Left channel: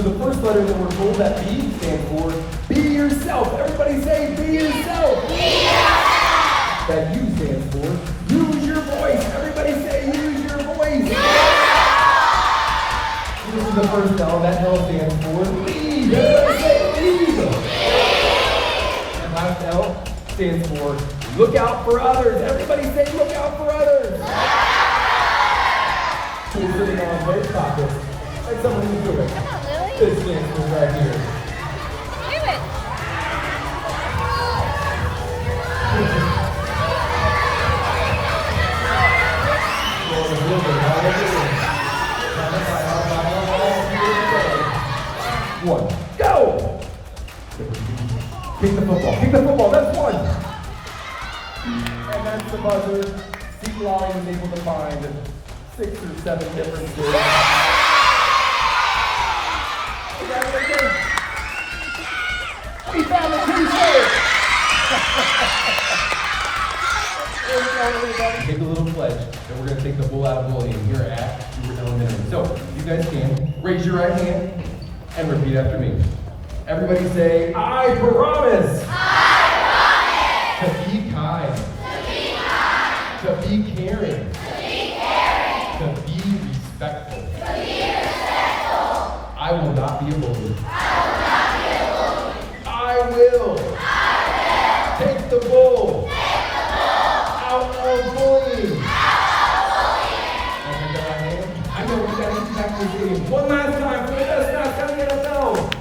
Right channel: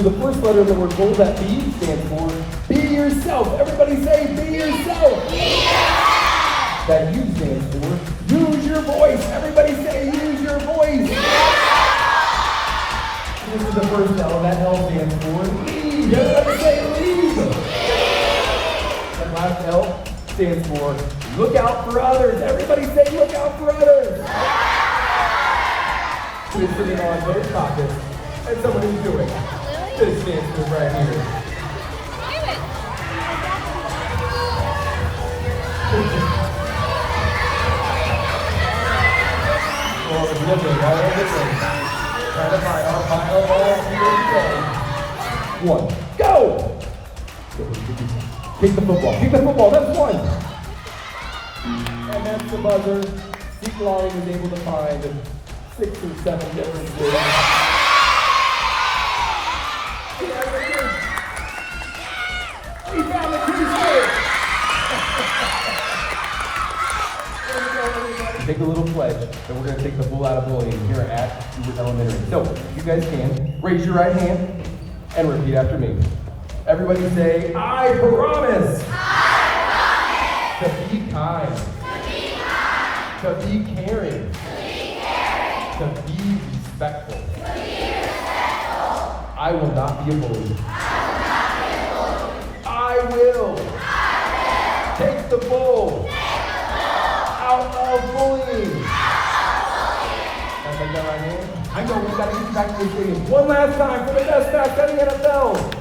So the first letter that we're told that B stands for, be yourself. Everybody say, be yourself. Be yourself. That U stands for, use your voice. Everybody say, use your voice. This is the first L. That L stands for, lead. Everybody say, lead. And last L stands for, look out for others. Everybody say, look out for others. It's sitting on both pockets. And someone who's doing it. This stands for right here. Do it. One, go! Kick the football, that's one! And that's the buzzer. Steve Long is able to find 6 or 7 differences. We found it pretty good! Take a little pledge, and we're going to take the bull out of bullying here at Stewart Elementary. So, you guys can raise your right hand and repeat after me. Everybody say, I promise. I To be kind. promise. To be To be kind. caring. To be caring. To be respectful. To be respectful. I will not be a bully. I will not be a bully. I will I take the bull will take the bull out of bullying. out of bullying. I know we got to get back to this. One last time for the best math in the NFL.